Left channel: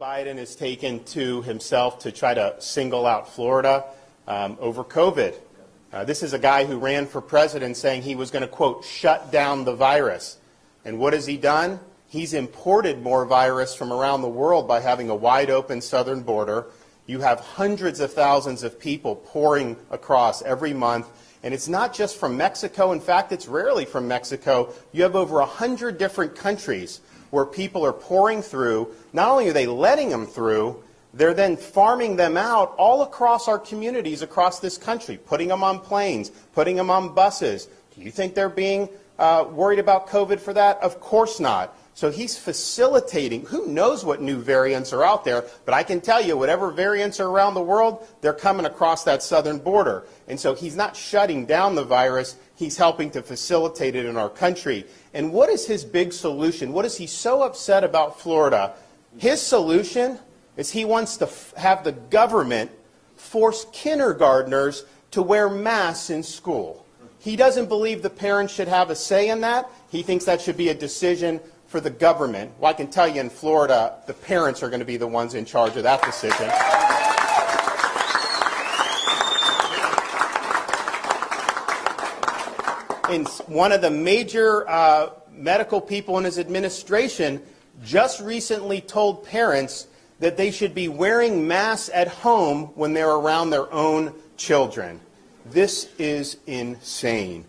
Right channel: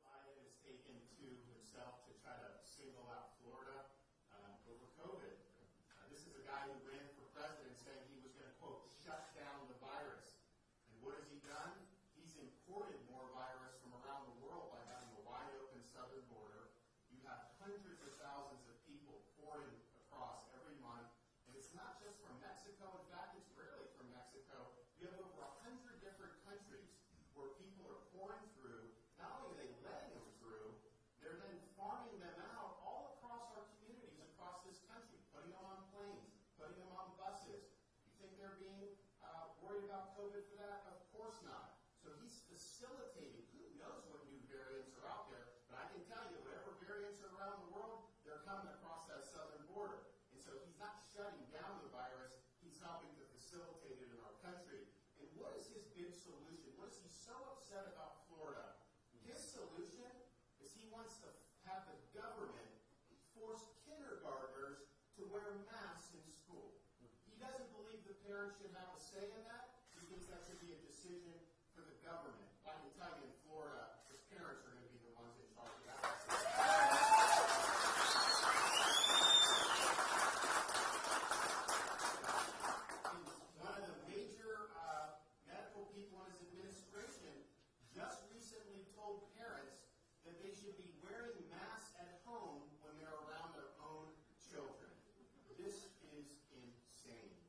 Biden has taken to himself to try to single out Florida over COVID. This is a guy who ran for president saying he was going to, quote, shut down the virus. And what has he done? He's imported more virus from around the world by having a wide open southern border. You have hundreds of thousands of people pouring across every month. And it's not just from Mexico. In fact, it's rarely from Mexico. You have over 100 different countries where people are pouring through. Not only are they letting them through, they're then farming them out all across our communities across this country, putting them on planes, putting them on buses. Do you think they're being worried about COVID for that? Of course not. So he's facilitating. Who knows what new variants are out there, but I can tell you whatever variants are around the world, they're coming across that southern border. And so he's not shutting down the virus, he's helping to facilitate it in our country. And what is his big solution? What is he so upset about Florida? His solution is he wants to have the government force kindergartners to wear masks in school. He doesn't believe the parents should have a say in that. He thinks that should be a decision for the government. Well, I can tell you in Florida, the parents are going to be the ones in charge of that decision. And one of the major medical people in his administration just recently told parents that they should be wearing masks at home when they're around their own children. This is insane.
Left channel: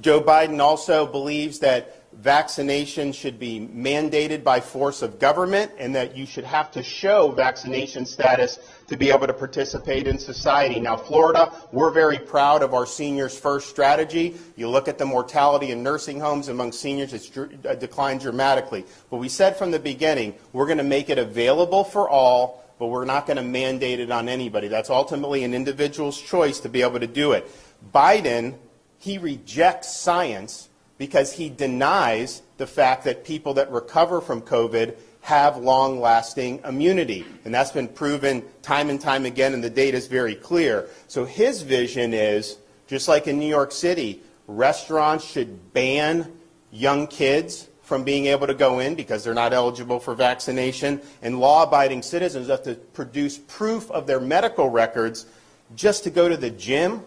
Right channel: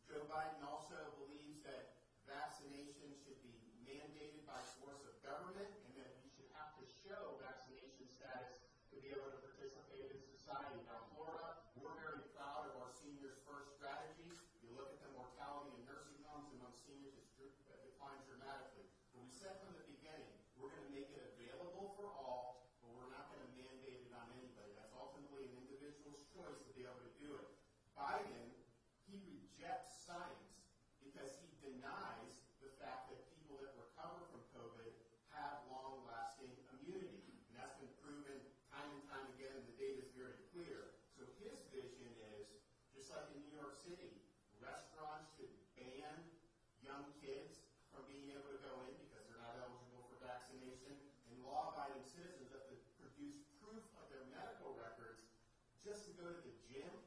Joe Biden also believes that vaccination should be mandated by force of government and that you should have to show vaccination status to be able to participate in society. Now, Florida, we're very proud of our Seniors First strategy. You look at the mortality in nursing homes among seniors, it's declined dramatically. But we said from the beginning, we're going to make it available for all, but we're not going to mandate it on anybody. That's ultimately an individual's choice to be able to do it. Biden, he rejects science because he denies the fact that people that recover from COVID have long-lasting immunity. And that's been proven time and time again, and the data is very clear. So his vision is, just like in New York City, restaurants should ban young kids from being able to go in because they're not eligible for vaccination, and law-abiding citizens have to produce proof of their medical records just to go to the gym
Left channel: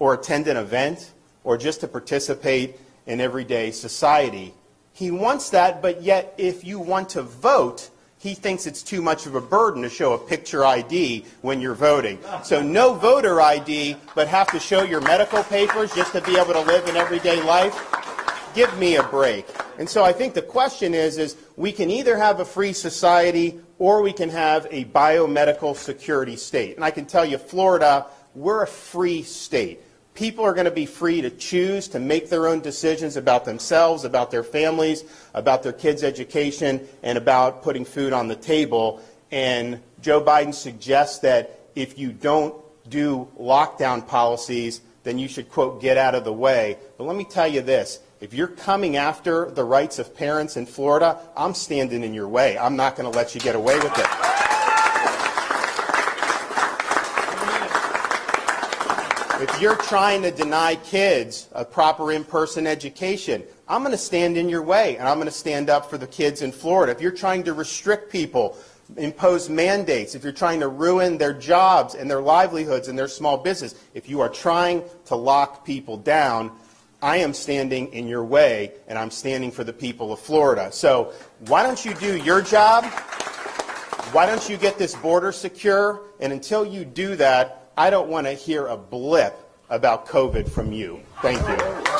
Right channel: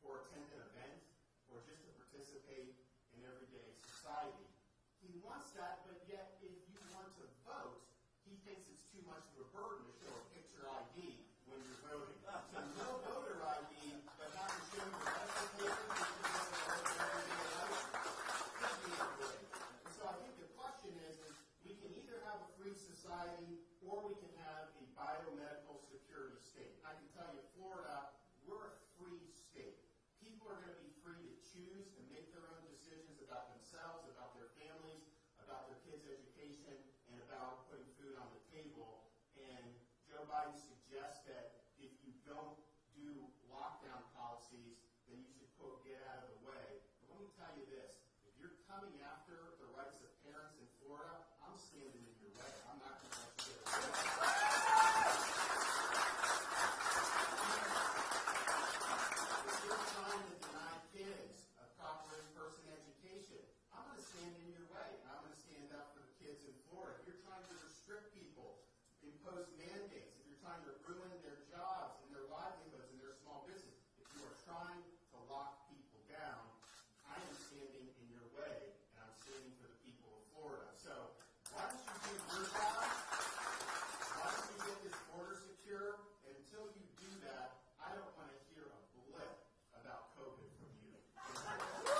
or attend an event or just to participate in everyday society. He wants that, but yet if you want to vote, he thinks it's too much of a burden to show a picture ID when you're voting. So no voter ID, but have to show your medical papers just to be able to live in everyday life? Give me a break. And so I think the question is we can either have a free society or we can have a biomedical security state. And I can tell you, Florida, we're a free state. People are going to be free to choose to make their own decisions about themselves, about their families, about their kids' education, and about putting food on the table. And Joe Biden suggests that if you don't do lockdown policies, then you should, quote, get out of the way. But let me tell you this. If you're coming after the rights of parents in Florida, I'm standing in your way. I'm not going to let you get away with it. If you're trying to deny kids a proper in-person education, I'm going to stand in your way, and I'm going to stand up for the kids in Florida. If you're trying to restrict people, impose mandates, if you're trying to ruin their jobs and their livelihoods and their small business, if you are trying to lock people down, I am standing in your way, and I'm standing for the people of Florida. So why don't you do your job? Why don't you get this border secure? And until you do that, I don't want to hear a blip about COVID from you. Thank you.